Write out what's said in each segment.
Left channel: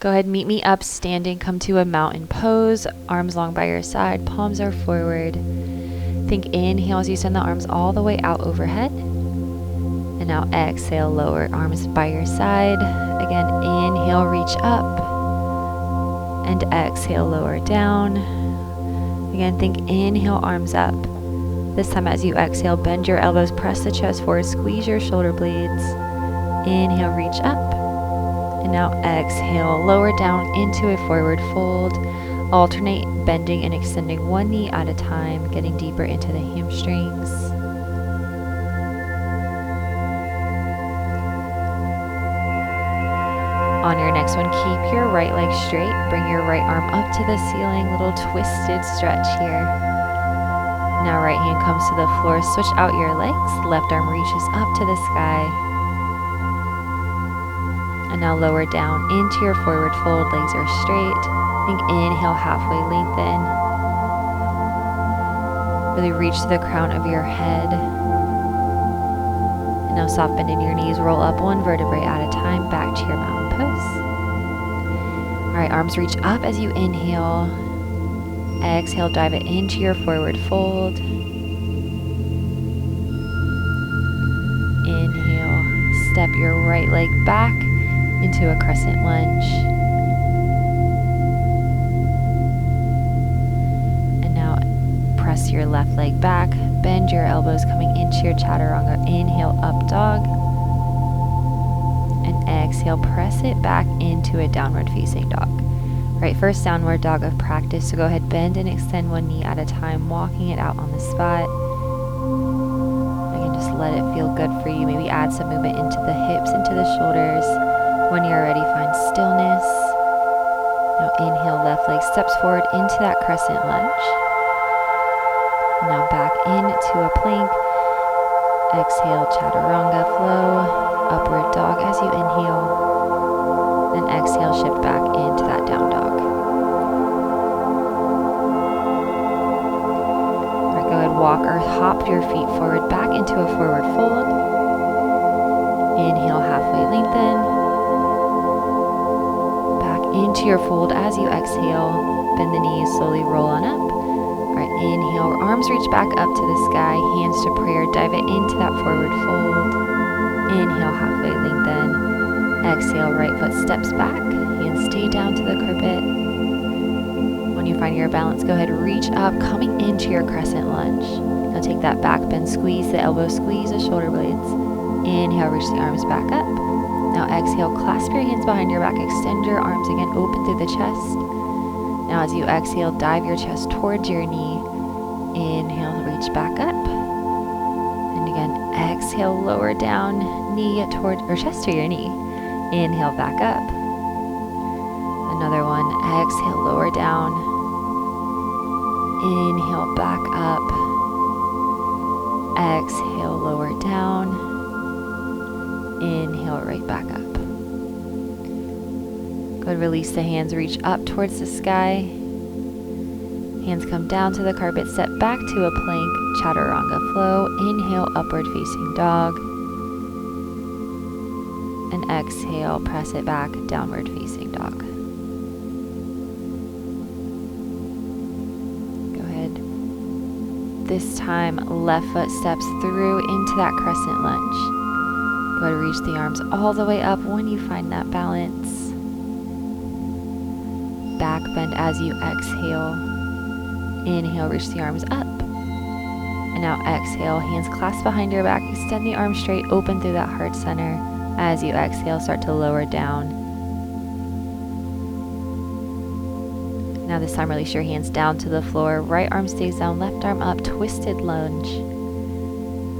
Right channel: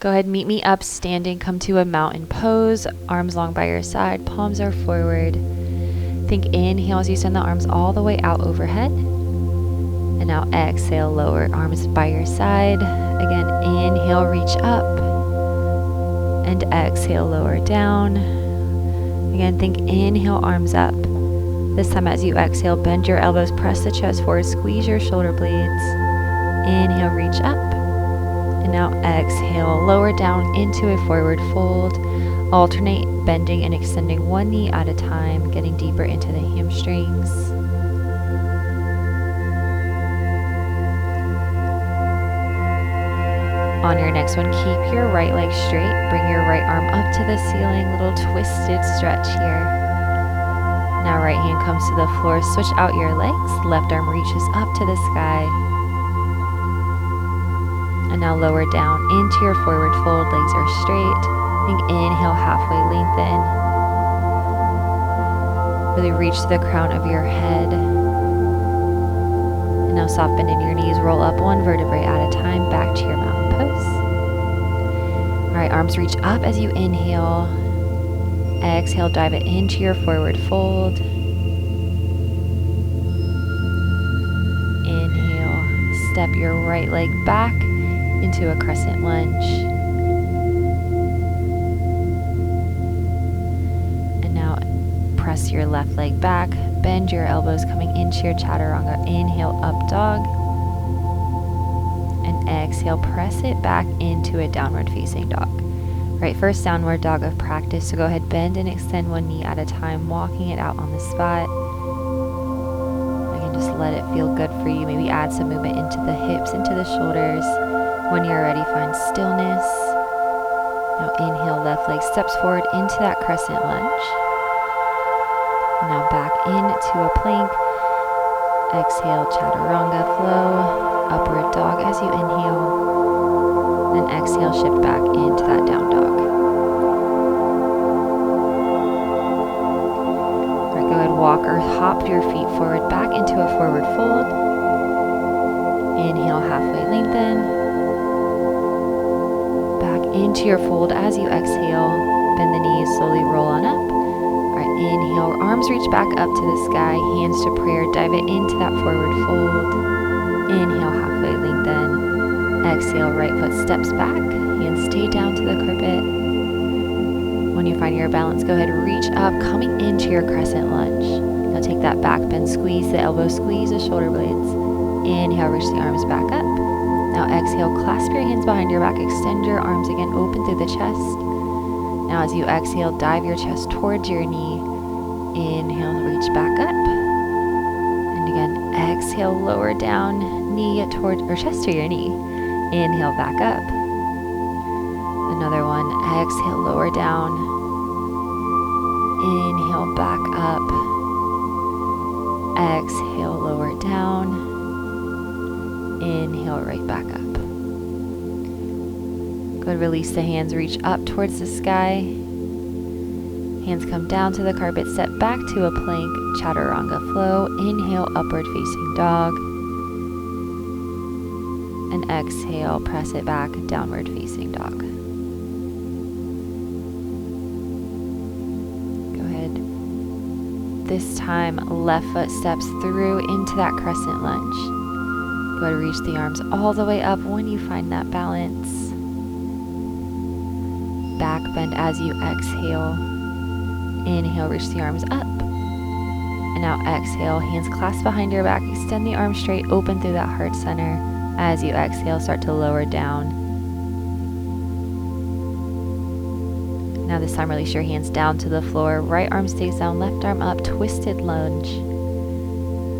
Go ahead, meet me up standing. Come to a mountain pose, arms long by your side, palms are forward. Think inhale as you send the arms all the way out overhead. And now exhale, lower arms by your side. Again, inhale, reach up. And exhale, lower down. Again, think inhale, arms up. This time as you exhale, bend your elbows, press the chest forward, squeeze your shoulder blades. Inhale, reach up. And now exhale, lower down into a forward fold. Alternate bending and extending one knee at a time, getting deeper into the hamstrings. On your next one, keep your right leg straight. Bring your right arm up to the ceiling. Little twisted stretch here. Now right hand comes to the floor. Switch out your legs. Left arm reaches up to the sky. And now lower down into your forward fold. Legs are straight. Think inhale, halfway lengthen. Really reach to the crown of your head. And now soft bend in your knees. Roll up one vertebrae at a time. Back to your mountain pose. All right, arms reach up as you inhale. Exhale, dive it into your forward fold. Inhale, step your right leg back into a crescent lunge. And now press your left leg back, bend your elbows coming into your chaturanga. Inhale, up dog. And exhale, press it back into a downward facing dog. Right, first downward dog of practice, so go ahead, bend and extend one knee at a time, walking it out on the spot. Again, just let it feel good for you. Maybe add some movement into the hips, into the shoulders. When you're ready, find stillness. Now inhale, left leg steps forward into that crescent lunge. Now back into a plank. Exhale, chaturanga flow, upward dog as you inhale. Then exhale, shift back into that down dog. All right, go ahead, walk or hop your feet forward back into a forward fold. Inhale, halfway lengthen. Back into your fold as you exhale. Bend the knees, slowly roll on up. All right, inhale, arms reach back up to the sky, hands to prayer, dive it into that forward fold. Inhale, halfway lengthen. Exhale, right foot steps back, hands stay down to the carpet. When you find your balance, go ahead, reach up, coming into your crescent lunge. Now take that back bend, squeeze the elbows, squeeze the shoulder blades. Inhale, reach the arms back up. Now exhale, clasp your hands behind your back, extend your arms again, open through the chest. Now as you exhale, dive your chest towards your knee. Inhale, reach back up. And again, exhale, lower down, knee toward, or chest to your knee. Inhale, back up. Another one. Exhale, lower down. Inhale, back up. Exhale, lower down. Inhale, right back up. Good, release the hands, reach up towards the sky. Hands come down to the carpet, step back to a plank, chaturanga flow. Inhale, upward facing dog. And exhale, press it back, downward facing dog. Go ahead. This time, left foot steps through into that crescent lunge. Go ahead, reach the arms all the way up when you find that balance. Back bend as you exhale. Inhale, reach the arms up. And now exhale, hands clasped behind your back, extend the arms straight, open through that heart center. As you exhale, start to lower down. Now this time, release your hands down to the floor. Right arm stays down, left arm up, twisted lunge.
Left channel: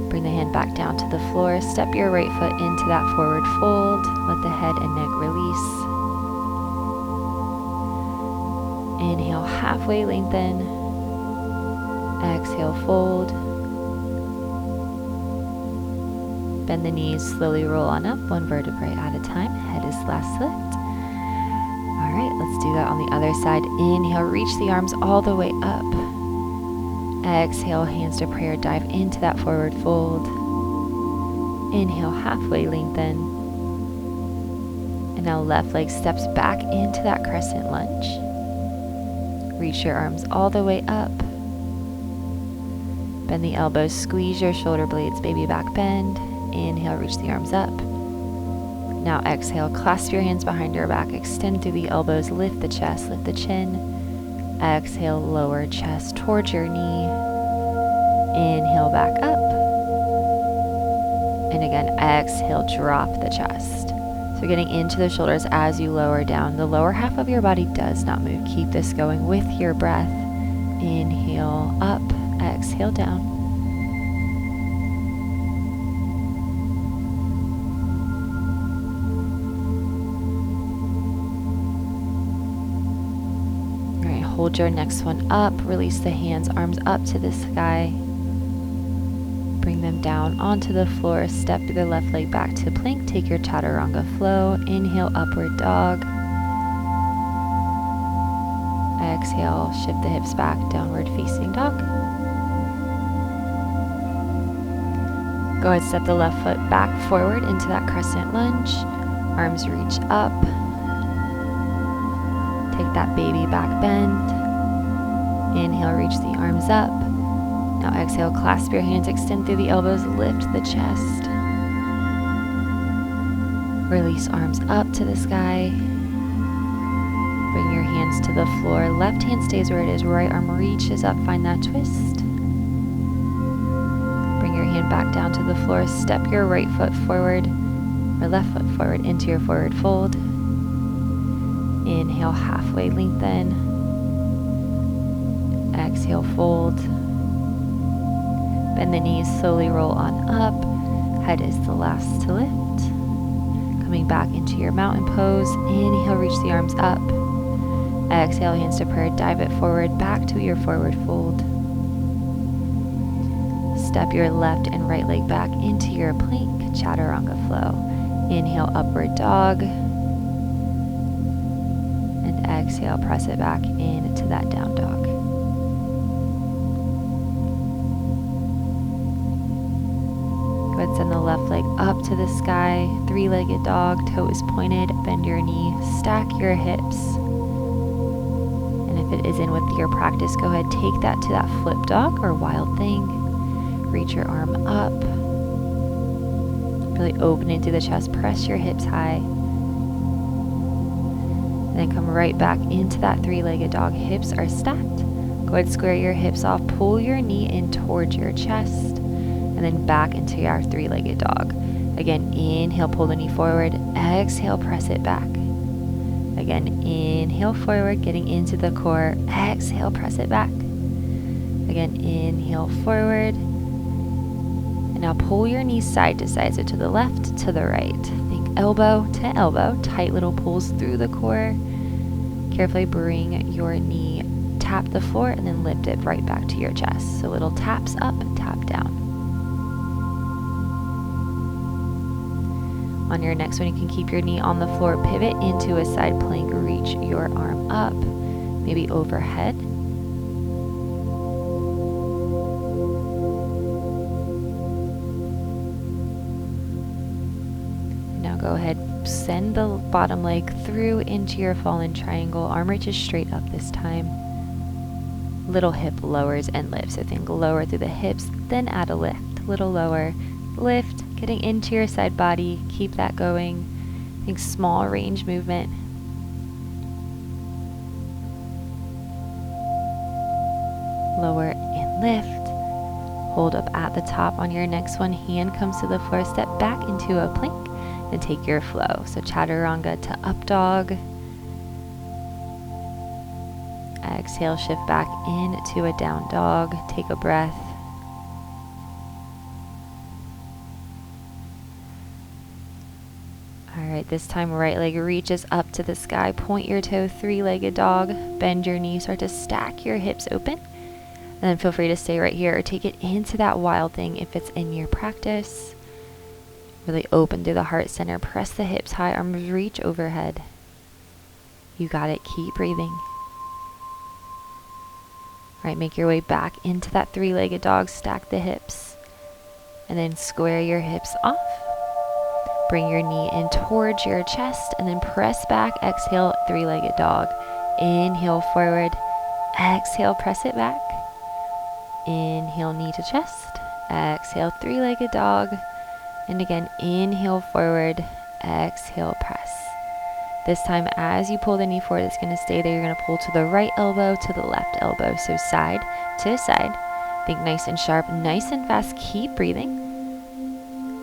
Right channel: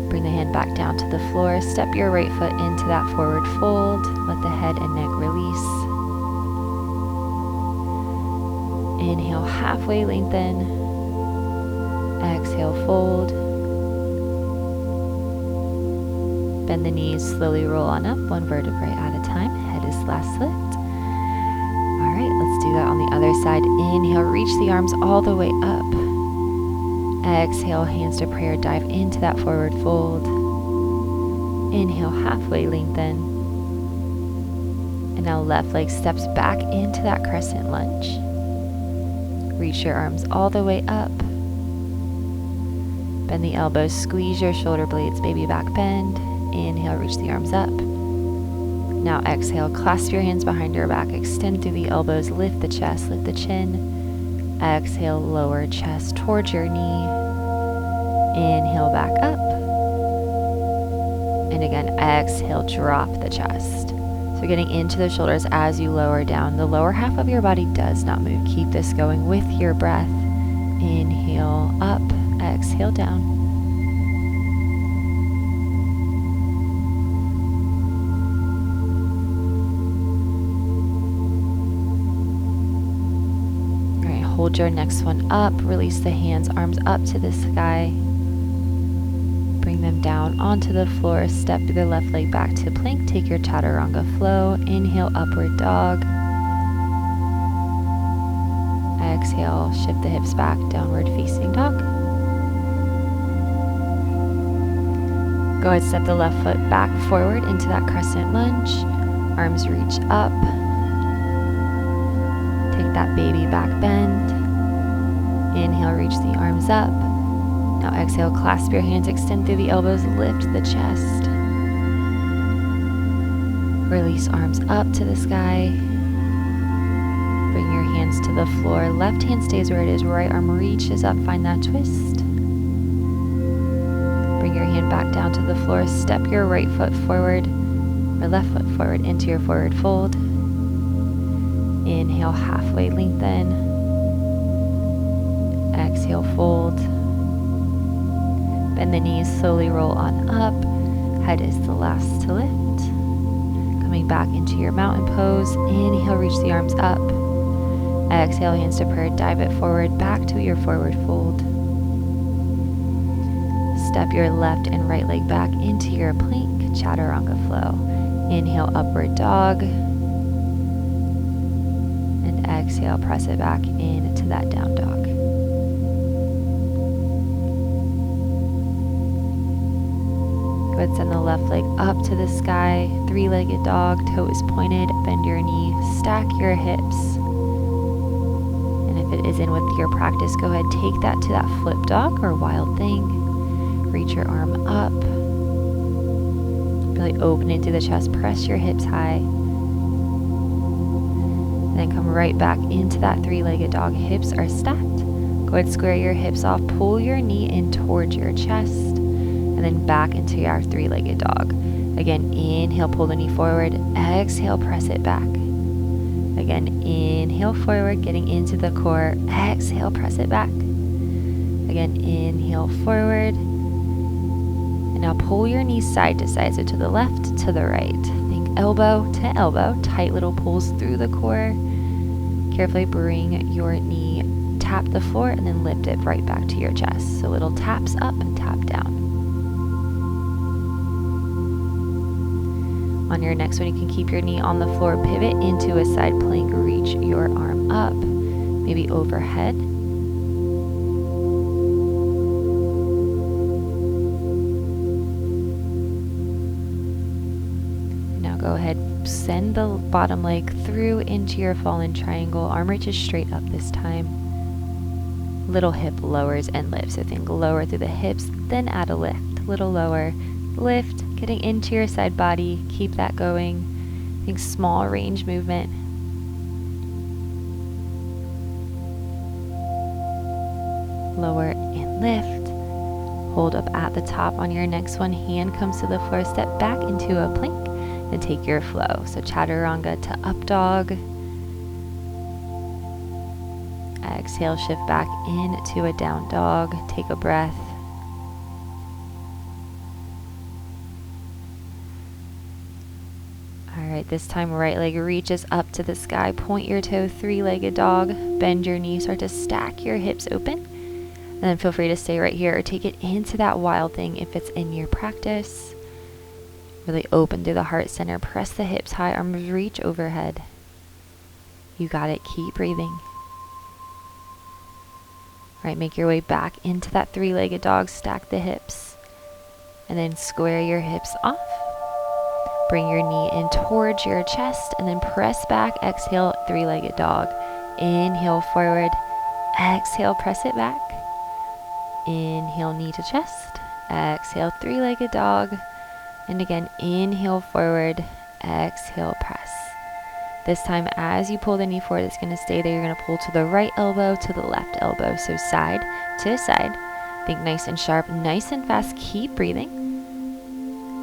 Bring the hand back down to the floor. Step your right foot into that forward fold. Let the head and neck release. Inhale, halfway lengthen. Exhale, fold. Bend the knees, slowly roll on up, one vertebrae at a time. Head is last lift. All right, let's do that on the other side. Inhale, reach the arms all the way up. Exhale, hands to prayer, dive into that forward fold. Inhale, halfway lengthen. And now left leg steps back into that crescent lunge. Reach your arms all the way up. Bend the elbows, squeeze your shoulder blades, baby back bend. Inhale, reach the arms up. Now exhale, clasp your hands behind your back, extend through the elbows, lift the chest, lift the chin. Exhale, lower chest towards your knee. Inhale, back up. And again, exhale, drop the chest. So getting into the shoulders as you lower down. The lower half of your body does not move. Keep this going with your breath. Inhale, up. Exhale, down. All right, hold your next one up. Release the hands, arms up to the sky. Bring them down onto the floor. Step the left leg back to plank. Take your chaturanga flow. Inhale, upward dog. Exhale, shift the hips back, downward facing dog. Go ahead, step the left foot back forward into that crescent lunge. Arms reach up. Take that baby back bend. Inhale, reach the arms up. Now exhale, clasp your hands, extend through the elbows, lift the chest. Release arms up to the sky. Bring your hands to the floor. Left hand stays where it is, right arm reaches up, find that twist. Bring your hand back down to the floor. Step your right foot forward or left foot forward into your forward fold. Inhale, halfway lengthen. Exhale, fold. Bend the knees, slowly roll on up. Head is the last to lift. Coming back into your mountain pose. Inhale, reach the arms up. Exhale, hands to prayer, dive it forward, back to your forward fold. Step your left and right leg back into your plank, chaturanga flow. Inhale, upward dog. And exhale, press it back into that down dog. Go ahead, send the left leg up to the sky, three-legged dog, toes pointed, bend your knee, stack your hips. And if it isn't with your practice, go ahead, take that to that flip dog or wild thing. Reach your arm up. Really open into the chest, press your hips high. And then come right back into that three-legged dog. Hips are stacked. Go ahead, square your hips off, pull your knee in towards your chest, and then back into our three-legged dog. Again, inhale, pull the knee forward. Exhale, press it back. Again, inhale forward, getting into the core. Exhale, press it back. Again, inhale forward. And now pull your knees side to side, so to the left, to the right. Think elbow to elbow, tight little pulls through the core. Carefully bring your knee, tap the floor, and then lift it right back to your chest. So little taps up, tap down. On your next one, you can keep your knee on the floor, pivot into a side plank, reach your arm up, maybe overhead. Now go ahead, send the bottom leg through into your fallen triangle. Arm reaches straight up this time. Little hip lowers and lifts. So think lower through the hips, then add a lift. Little lower, lift, getting into your side body. Keep that going. Think small range movement. Lower and lift. Hold up at the top. On your next one, hand comes to the floor. Step back into a plank. Then take your flow. So chaturanga to up dog. Exhale, shift back into a down dog. Take a breath. All right, this time right leg reaches up to the sky. Point your toe, three-legged dog. Bend your knee, start to stack your hips open. And then feel free to stay right here or take it into that wild thing if it's in your practice. Really open through the heart center. Press the hips high, arms reach overhead. You got it, keep breathing. All right, make your way back into that three-legged dog. Stack the hips. And then square your hips off. Bring your knee in towards your chest and then press back. Exhale, three-legged dog. Inhale forward. Exhale, press it back. Inhale, knee to chest. Exhale, three-legged dog. And again, inhale forward. Exhale, press. This time, as you pull the knee forward, it's going to stay there. You're going to pull to the right elbow, to the left elbow. So side to side. Think nice and sharp, nice and fast. Keep breathing.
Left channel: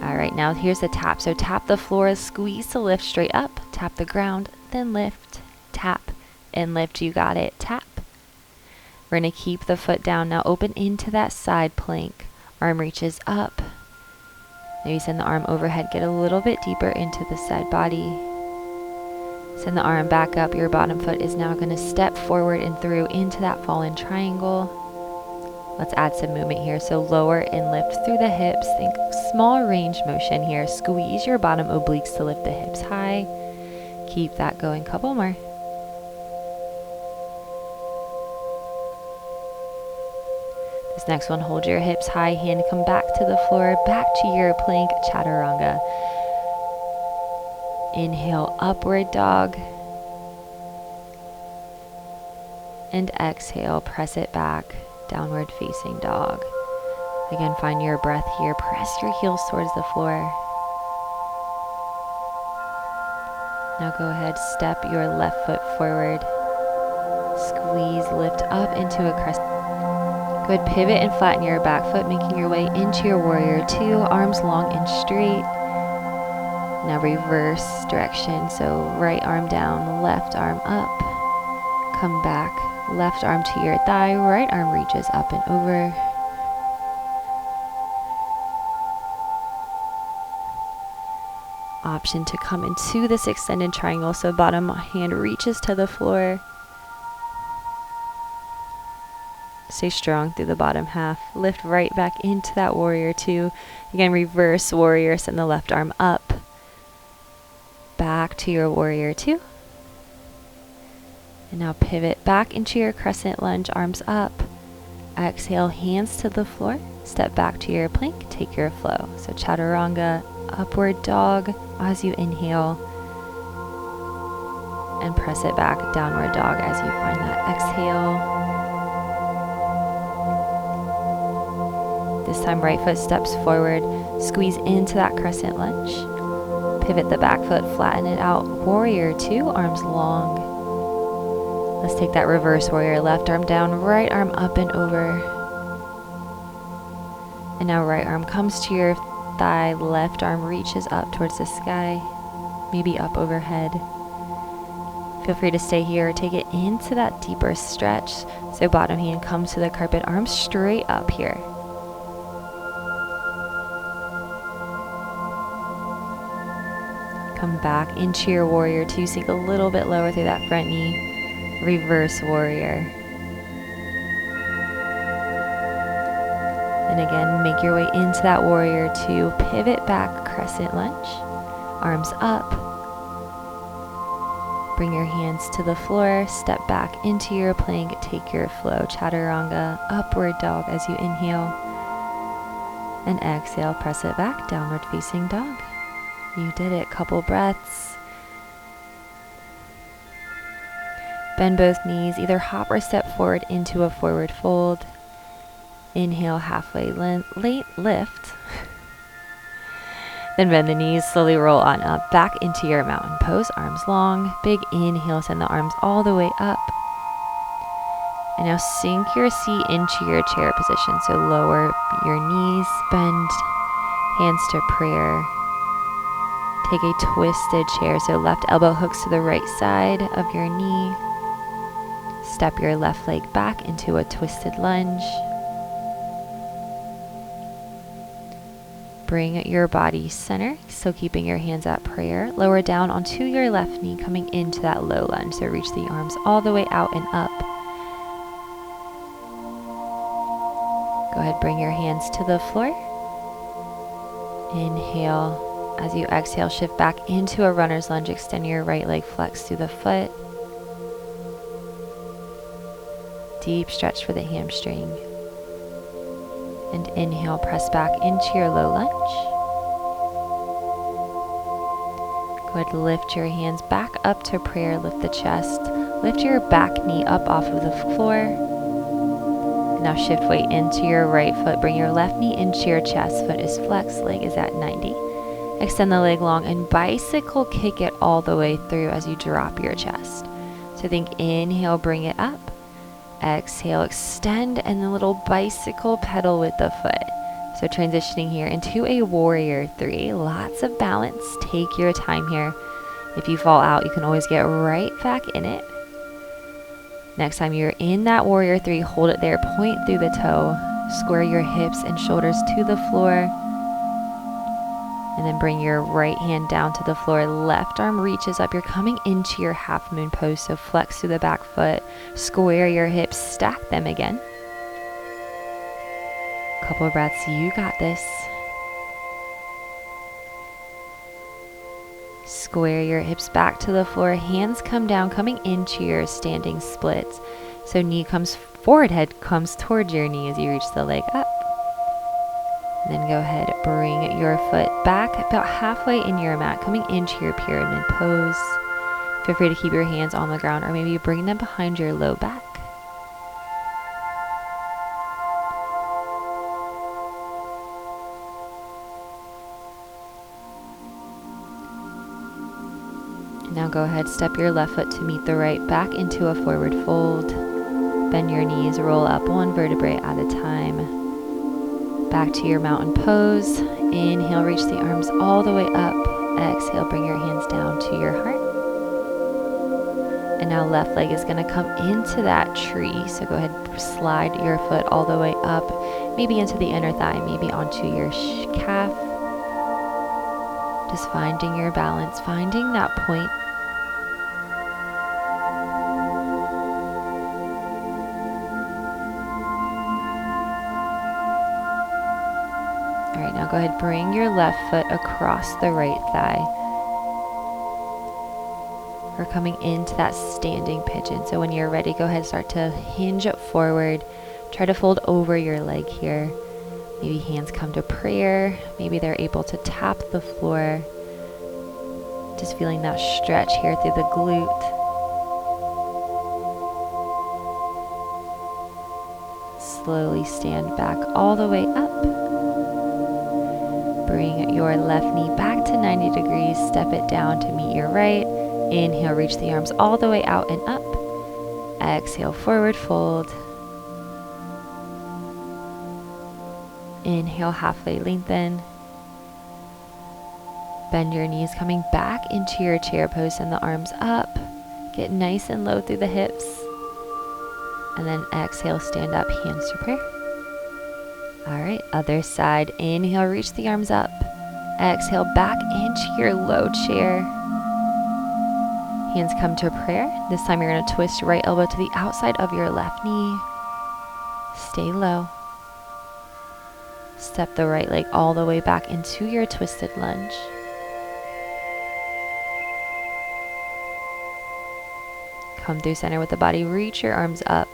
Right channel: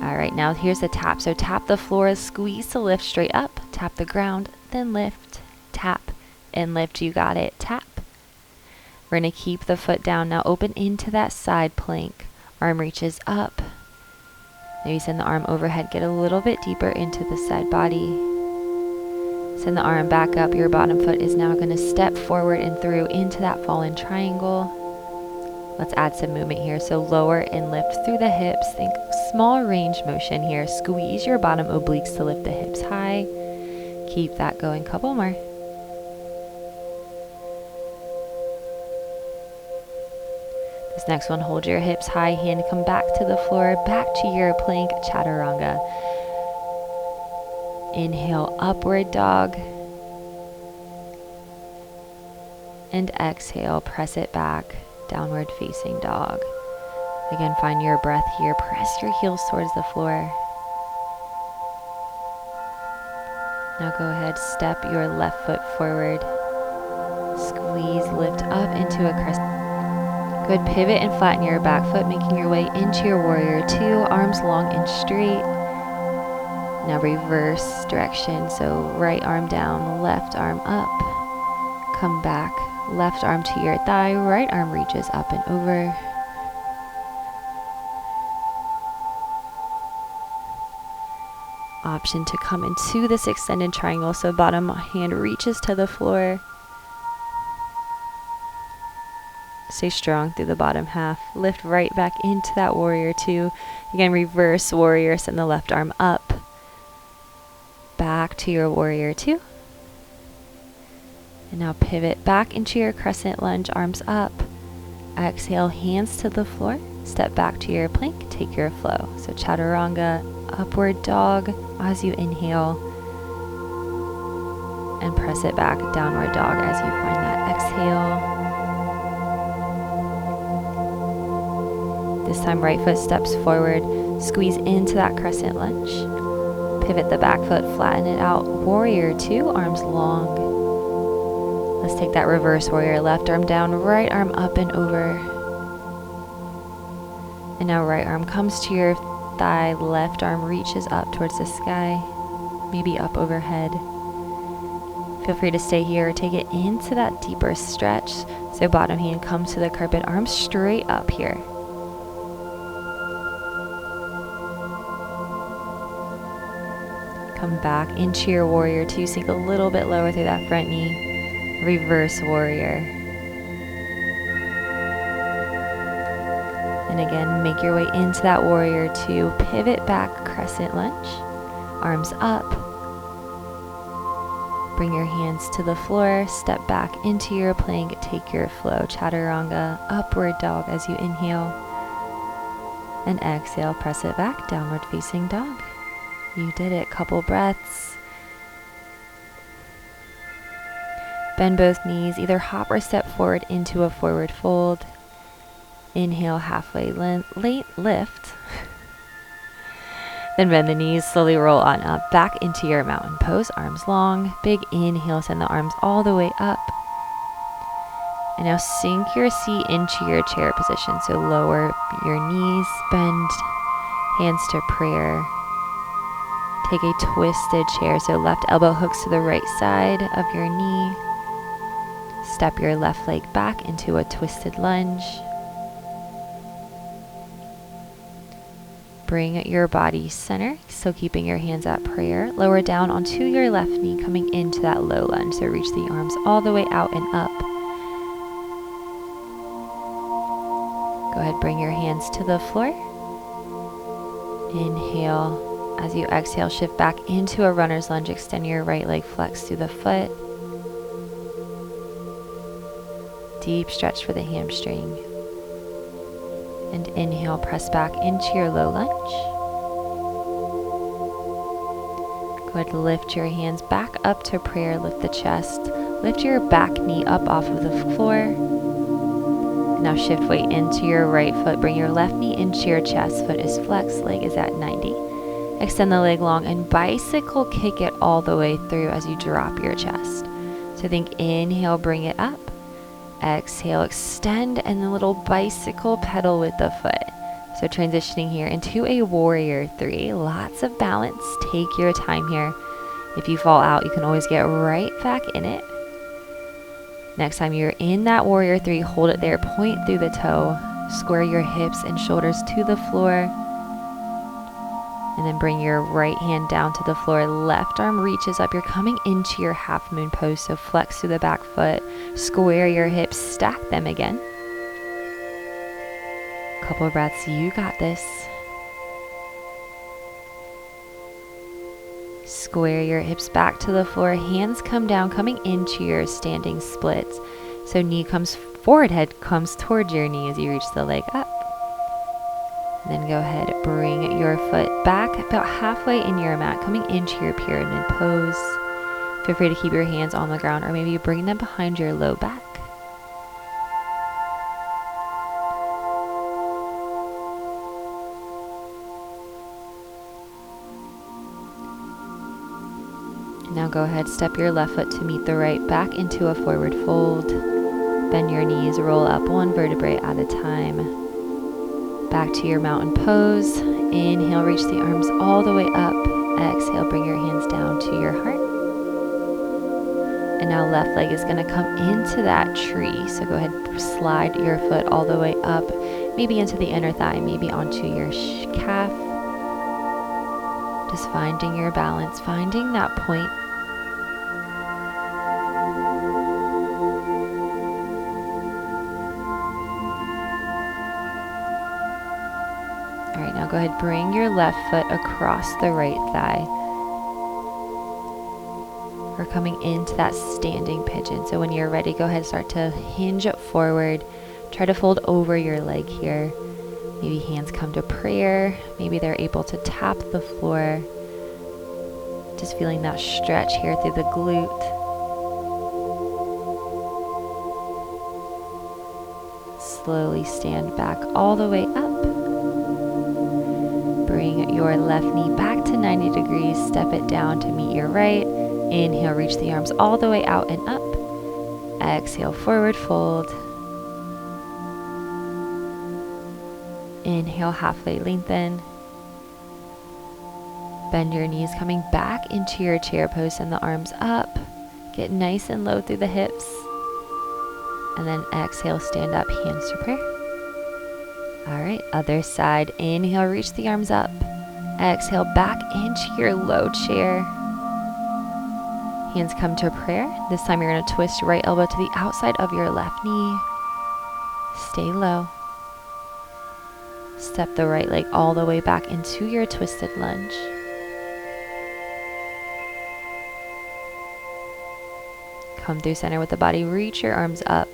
All right, now here's the tap. So tap the floor, squeeze to lift straight up. Tap the ground, then lift. Tap and lift. You got it. Tap. We're going to keep the foot down. Now open into that side plank. Arm reaches up. Maybe send the arm overhead. Get a little bit deeper into the side body. Send the arm back up. Your bottom foot is now going to step forward and through into that fallen triangle. Let's add some movement here. So lower and lift through the hips. Think small range motion here. Squeeze your bottom obliques to lift the hips high. Keep that going. Couple more. This next one, hold your hips high. Hand come back to the floor. Back to your plank chaturanga. Inhale, upward dog. And exhale, press it back. Downward facing dog. Again, find your breath here. Press your heels towards the floor. Now go ahead, step your left foot forward. Squeeze, lift up into a crescent. Go ahead, pivot and flatten your back foot, making your way into your warrior two, arms long and straight. Now reverse direction, so right arm down, left arm up. Come back, left arm to your thigh, right arm reaches up and over. Option to come into this extended triangle, so bottom hand reaches to the floor. Stay strong through the bottom half. Lift right back into that warrior two. Again, reverse warrior, send the left arm up. Back to your warrior two. And now pivot back into your crescent lunge, arms up. Exhale, hands to the floor. Step back to your plank, take your flow. So chaturanga, upward dog as you inhale. And press it back, downward dog as you find that exhale. This time, right foot steps forward. Squeeze into that crescent lunge. Pivot the back foot, flatten it out. Warrior two, arms long. Let's take that reverse warrior. Left arm down, right arm up and over. And now right arm comes to your thigh. Left arm reaches up towards the sky. Maybe up overhead. Feel free to stay here or take it into that deeper stretch. So bottom hand comes to the carpet, arms straight up here. Come back into your warrior two, sink a little bit lower through that front knee. Reverse warrior. And again, make your way into that warrior two. Pivot back, crescent lunge. Arms up. Bring your hands to the floor. Step back into your plank. Take your flow. Chaturanga, upward dog as you inhale. And exhale, press it back, downward facing dog. You did it. Couple breaths. Bend both knees. Either hop or step forward into a forward fold. Inhale, halfway lift. Then bend the knees. Slowly roll on up. Back into your mountain pose. Arms long. Big inhale. Send the arms all the way up. And now sink your seat into your chair position. So lower your knees. Bend hands to prayer. Take a twisted chair, so left elbow hooks to the right side of your knee. Step your left leg back into a twisted lunge. Bring your body center, still keeping your hands at prayer. Lower down onto your left knee, coming into that low lunge. So reach the arms all the way out and up. Go ahead, bring your hands to the floor. Inhale. As you exhale, shift back into a runner's lunge. Extend your right leg, flex through the foot. Deep stretch for the hamstring. And inhale, press back into your low lunge. Go ahead, lift your hands back up to prayer, lift the chest, lift your back knee up off of the floor. Now shift weight into your right foot, bring your left knee into your chest, foot is flexed, leg is at 90. Extend the leg long and bicycle kick it all the way through as you drop your chest. So think inhale, bring it up. Exhale, extend, and the little bicycle pedal with the foot. So transitioning here into a warrior 3. Lots of balance. Take your time here. If you fall out, you can always get right back in it. Next time you're in that warrior 3, hold it there. Point through the toe. Square your hips and shoulders to the floor. And then bring your right hand down to the floor. Left arm reaches up. You're coming into your half moon pose. So flex through the back foot. Square your hips. Stack them again. Couple of breaths. You got this. Square your hips back to the floor. Hands come down, coming into your standing splits. So knee comes forward, head comes towards your knee as you reach the leg up. Then go ahead, bring your foot back about halfway in your mat, coming into your pyramid pose. Feel free to keep your hands on the ground or maybe bring them behind your low back. Now go ahead, step your left foot to meet the right, back into a forward fold. Bend your knees, roll up one vertebrae at a time. Back to your mountain pose. Inhale, reach the arms all the way up. Exhale, bring your hands down to your heart. And now left leg is going to come into that tree. So go ahead, slide your foot all the way up, maybe into the inner thigh, maybe onto your calf. Just finding your balance, finding that point. All right, now go ahead, bring your left foot across the right thigh. We're coming into that standing pigeon. So when you're ready, go ahead, start to hinge up forward. Try to fold over your leg here. Maybe hands come to prayer. Maybe they're able to tap the floor. Just feeling that stretch here through the glute. Slowly stand back all the way up. Bring your left knee back to 90 degrees. Step it down to meet your right. Inhale, reach the arms all the way out and up. Exhale, forward fold. Inhale, halfway lengthen. Bend your knees, coming back into your chair pose, and the arms up. Get nice and low through the hips. And then exhale, stand up, hands to prayer. All right, other side. Inhale, reach the arms up. Exhale, back into your low chair. Hands come to prayer. This time you're going to twist your right elbow to the outside of your left knee. Stay low. Step the right leg all the way back into your twisted lunge. Come through center with the body. Reach your arms up.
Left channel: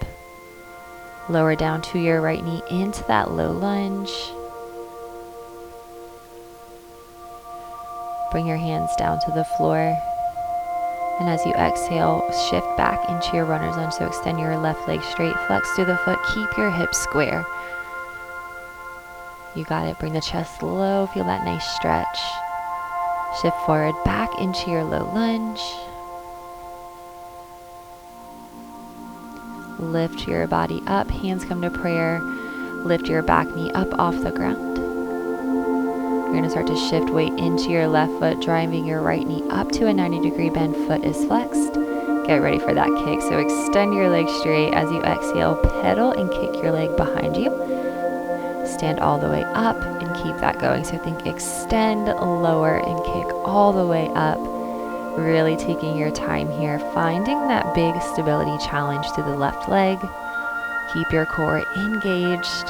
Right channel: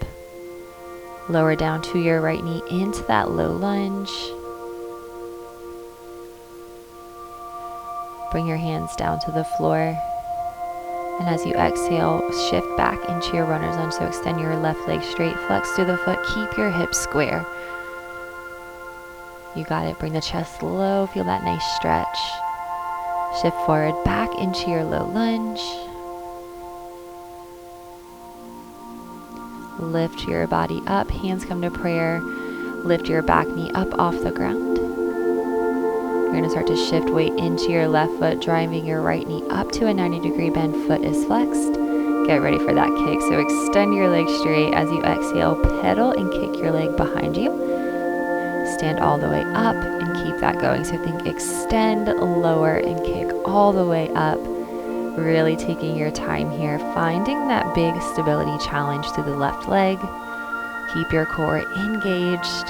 Lower down to your right knee into that low lunge. Bring your hands down to the floor. And as you exhale, shift back into your runner's lunge. So extend your left leg straight, flex through the foot, keep your hips square. You got it. Bring the chest low, feel that nice stretch. Shift forward, back into your low lunge. Lift your body up, hands come to prayer. Lift your back knee up off the ground. You're going to start to shift weight into your left foot, driving your right knee up to a 90-degree bend. Foot is flexed. Get ready for that kick. So extend your leg straight as you exhale, pedal and kick your leg behind you. Stand all the way up and keep that going. So think extend, lower, and kick all the way up. Really taking your time here, finding that big stability challenge through the left leg. Keep your core engaged.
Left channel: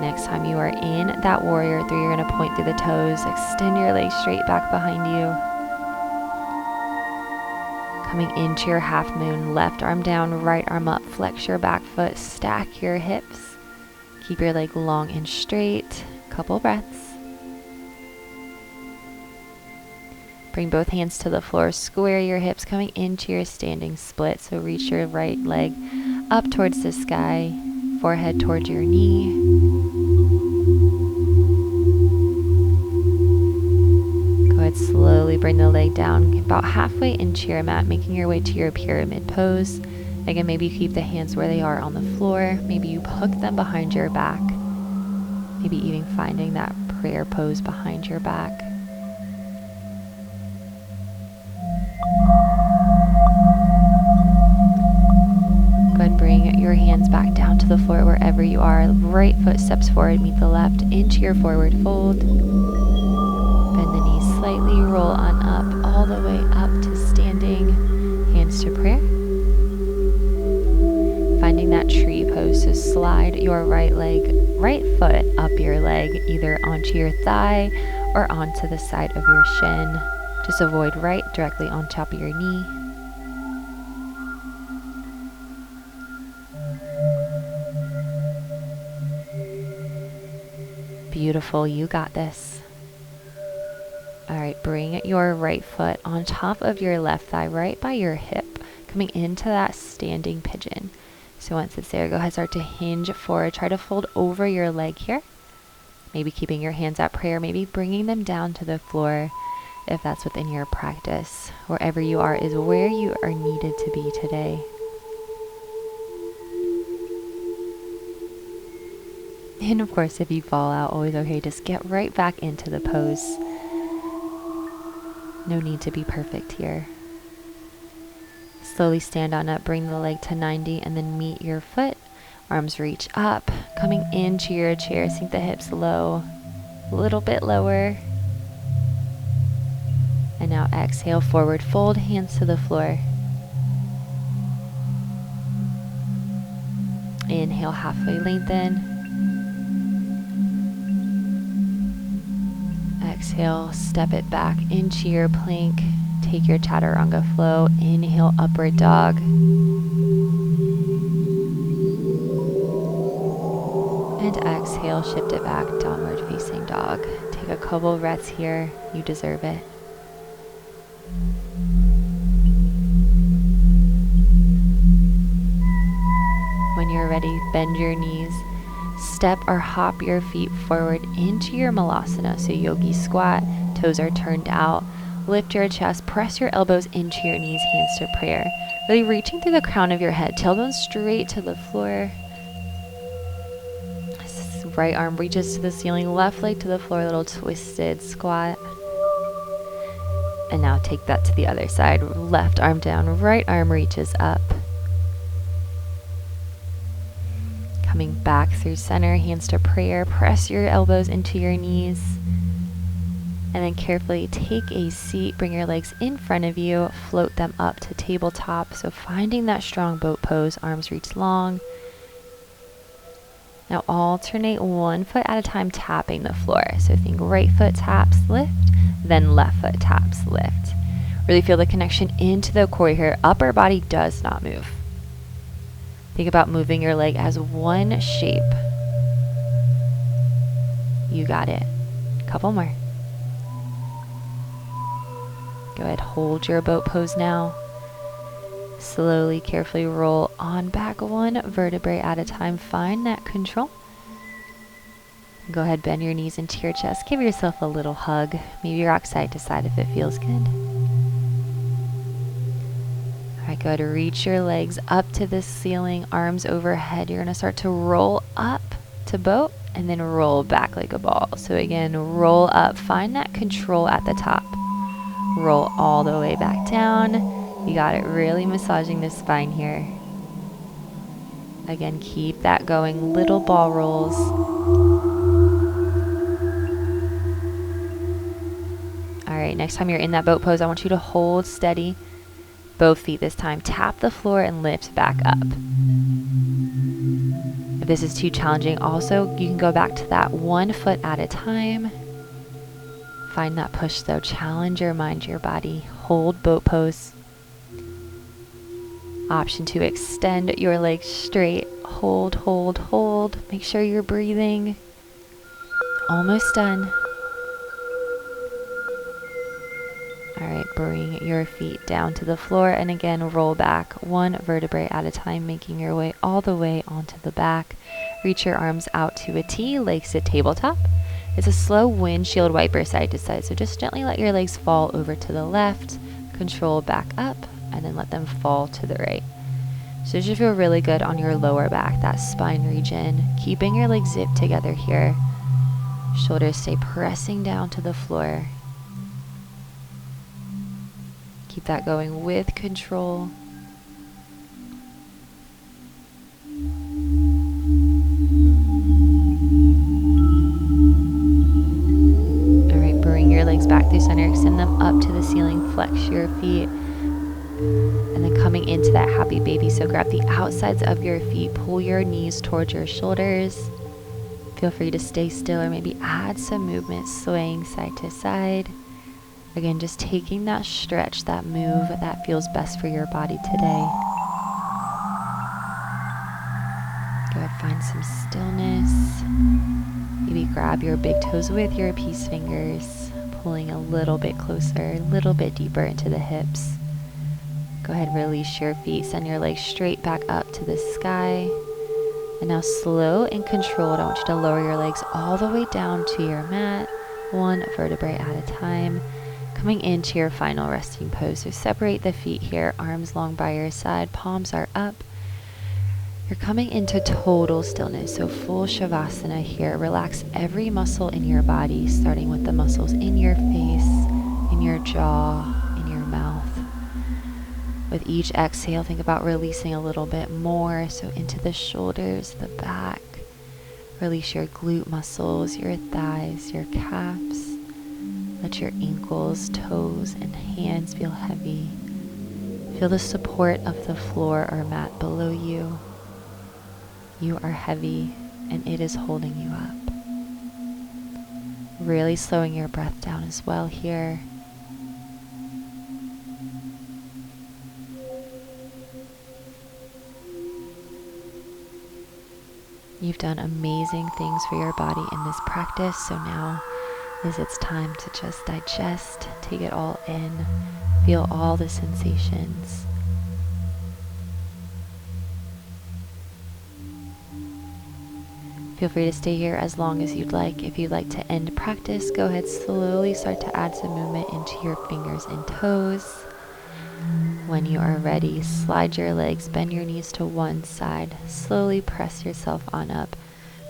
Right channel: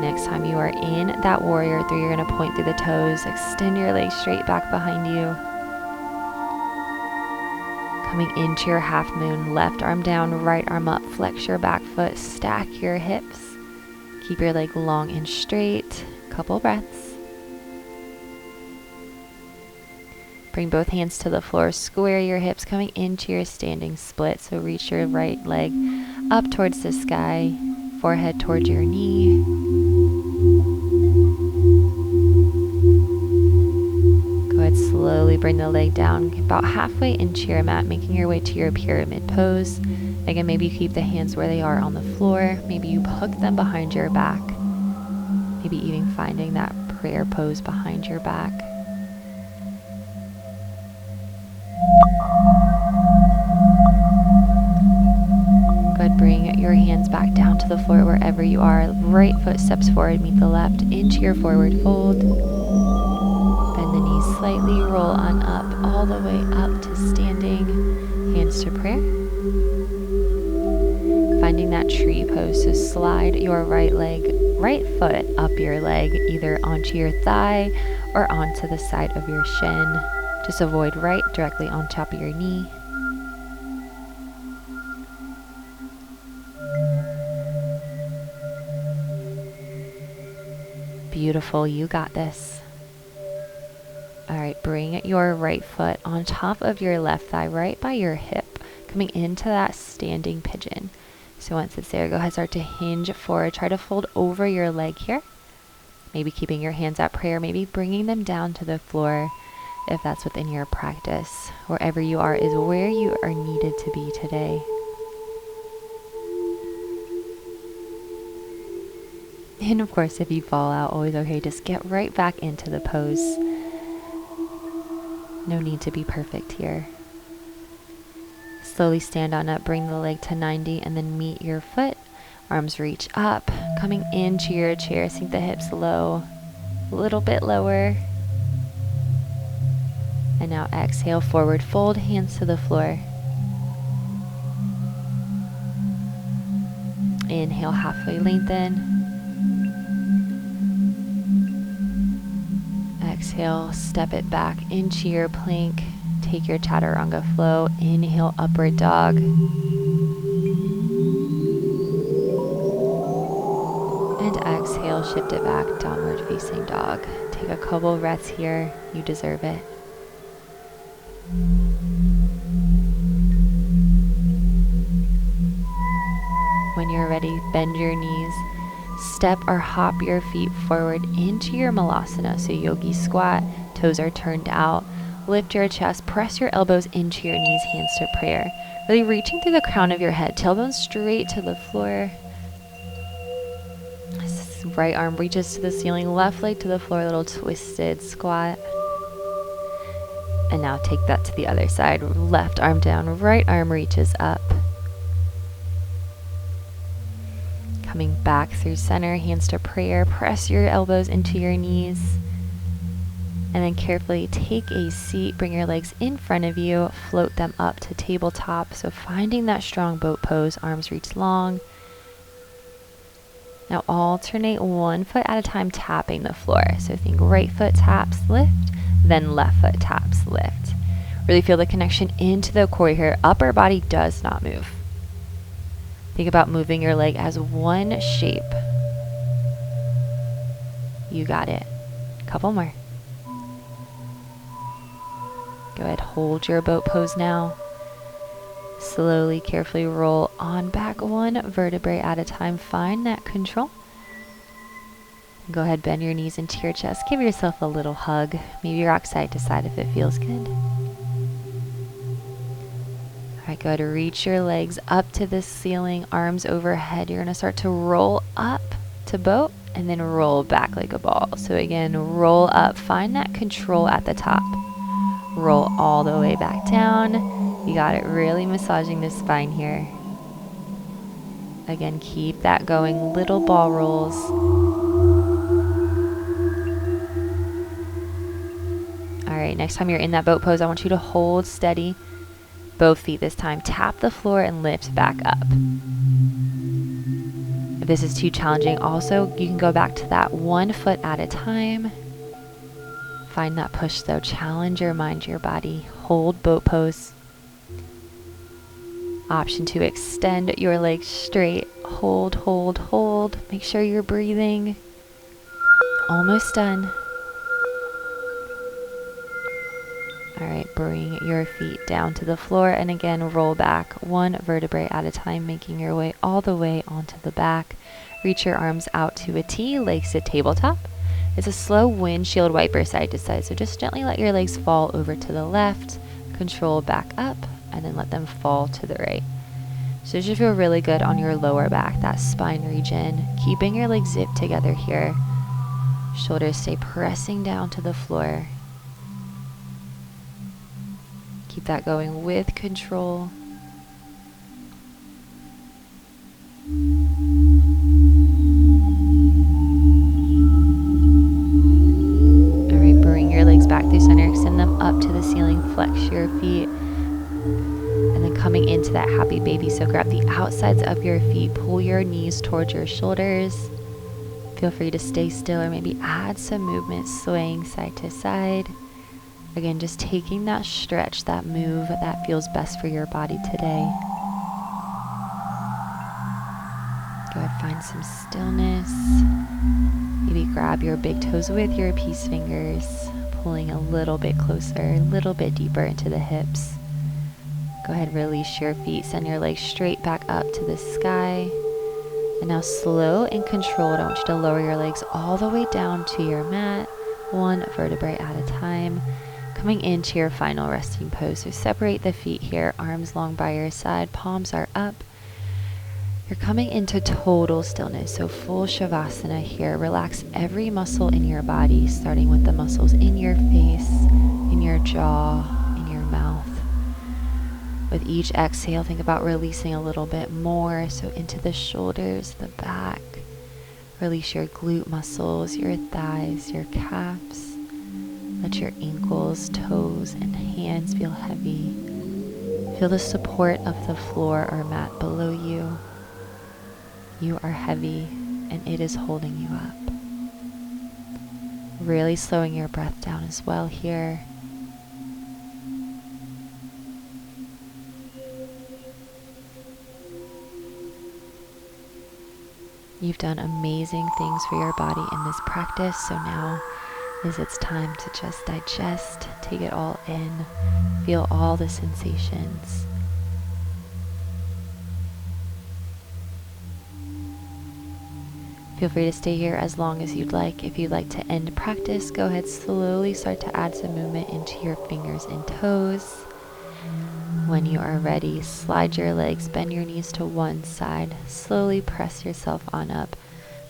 Next time you are in that warrior 3, you're going to point through the toes, extend your legs straight back behind you. Coming into your half moon, left arm down, right arm up, flex your back foot, stack your hips. Keep your leg long and straight. Couple breaths. Bring both hands to the floor, square your hips, coming into your standing split. So reach your right leg up towards the sky, forehead towards your knee. Go ahead, slowly bring the leg down about halfway into your mat, making your way to your pyramid pose. Again, maybe you keep the hands where they are on the floor. Maybe you hook them behind your back. Maybe even finding that prayer pose behind your back. Go ahead, bring your hands back down to the floor wherever you are. Right foot steps forward, meet the left into your forward fold. Bend the knees slightly, roll on up, all the way up to standing, hands to prayer. Finding that tree pose, so slide your right foot up your leg, either onto your thigh or onto the side of your shin. Just avoid right directly on top of your knee. Beautiful, you got this. All right, bring your right foot on top of your left thigh, right by your hip, coming into that standing pigeon. So once it's there, go ahead, start to hinge forward. Try to fold over your leg here. Maybe keeping your hands at prayer, maybe bringing them down to the floor if that's within your practice. Wherever you are is where you are needed to be today. And of course, if you fall out, always okay. Just get right back into the pose. No need to be perfect here. Slowly stand on up, bring the leg to 90, and then meet your foot. Arms reach up, coming into your chair. Sink the hips low, a little bit lower. And now exhale, forward fold, hands to the floor. Inhale, halfway lengthen. Exhale, step it back into your plank. Take your chaturanga flow. Inhale, upward dog. And exhale, shift it back, downward facing dog. Take a couple breaths here. You deserve it. When you're ready, bend your knees. Step or hop your feet forward into your malasana. So yogi squat, toes are turned out. Lift your chest, press your elbows into your knees, hands to prayer. Really reaching through the crown of your head, tailbone straight to the floor. Right arm reaches to the ceiling, left leg to the floor, little twisted squat. And now take that to the other side. Left arm down, right arm reaches up. Coming back through center, hands to prayer. Press your elbows into your knees. And then carefully take a seat. Bring your legs in front of you. Float them up to tabletop. So finding that strong boat pose. Arms reach long. Now alternate one foot at a time, tapping the floor. So think right foot taps, lift. Then left foot taps, lift. Really feel the connection into the core here. Upper body does not move. Think about moving your leg as one shape. You got it. Couple more. Go ahead, hold your boat pose now. Slowly, carefully roll on back one vertebrae at a time. Find that control. Go ahead, bend your knees into your chest. Give yourself a little hug. Maybe rock side to side if it feels good. All right, go ahead, reach your legs up to the ceiling, arms overhead. You're gonna start to roll up to boat and then roll back like a ball. So again, roll up, find that control at the top. Roll all the way back down. You got it, really massaging the spine here. Again, keep that going, little ball rolls. All right, next time you're in that boat pose, I want you to hold steady. Both feet this time. Tap the floor and lift back up. If this is too challenging, also, you can go back to that one foot at a time. Find that push though. Challenge your mind, your body. Hold boat pose. Option to extend your legs straight. Hold, hold, hold. Make sure you're breathing. Almost done. All right, bring your feet down to the floor, and again, roll back one vertebrae at a time, making your way all the way onto the back. Reach your arms out to a T, legs to tabletop. It's a slow windshield wiper side to side, so just gently let your legs fall over to the left, control back up, and then let them fall to the right. So it should feel really good on your lower back, that spine region. Keeping your legs zipped together here. Shoulders stay pressing down to the floor. Keep that going with control. All right, bring your legs back through center, extend them up to the ceiling, flex your feet. And then coming into that happy baby, so grab the outsides of your feet, pull your knees towards your shoulders. Feel free to stay still or maybe add some movement, swaying side to side. Again, just taking that stretch, that move that feels best for your body today. Go ahead, find some stillness. Maybe grab your big toes with your peace fingers, pulling a little bit closer, a little bit deeper into the hips. Go ahead, release your feet, send your legs straight back up to the sky. And now slow and controlled, I want you to lower your legs all the way down to your mat, one vertebrae at a time. Coming into your final resting pose. So separate the feet here, arms long by your side, palms are up. You're coming into total stillness, so full Shavasana here. Relax every muscle in your body, starting with the muscles in your face, in your jaw, in your mouth. With each exhale, think about releasing a little bit more, so into the shoulders, the back. Release your glute muscles, your thighs, your calves. Let your ankles, toes, and hands feel heavy. Feel the support of the floor or mat below you. You are heavy, and it is holding you up. Really slowing your breath down as well here. You've done amazing things for your body in this practice, so now it's time to just digest, take it all in, feel all the sensations. Feel free to stay here as long as you'd like. If you'd like to end practice, go ahead, slowly start to add some movement into your fingers and toes. When you are ready, slide your legs, bend your knees to one side, slowly press yourself on up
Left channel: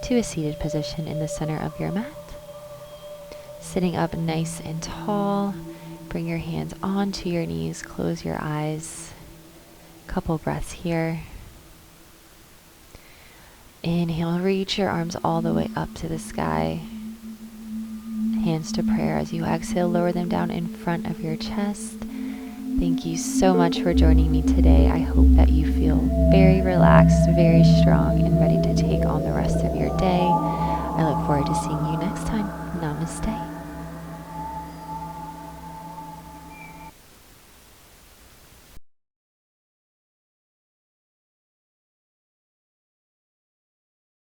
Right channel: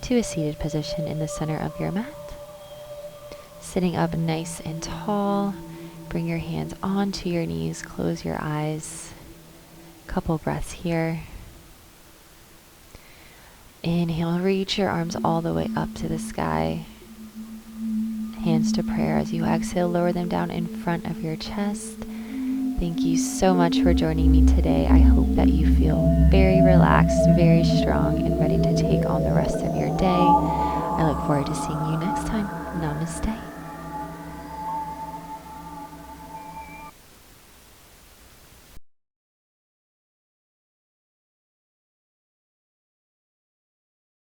to a seated position in the center of your mat. Sitting up nice and tall, bring your hands onto your knees, close your eyes. Couple breaths here. Inhale, reach your arms all the way up to the sky. Hands to prayer. As you exhale, lower them down in front of your chest. Thank you so much for joining me today. I hope that you feel very relaxed, very strong, and ready to take on the rest of your day. I look forward to seeing you next time. Namaste.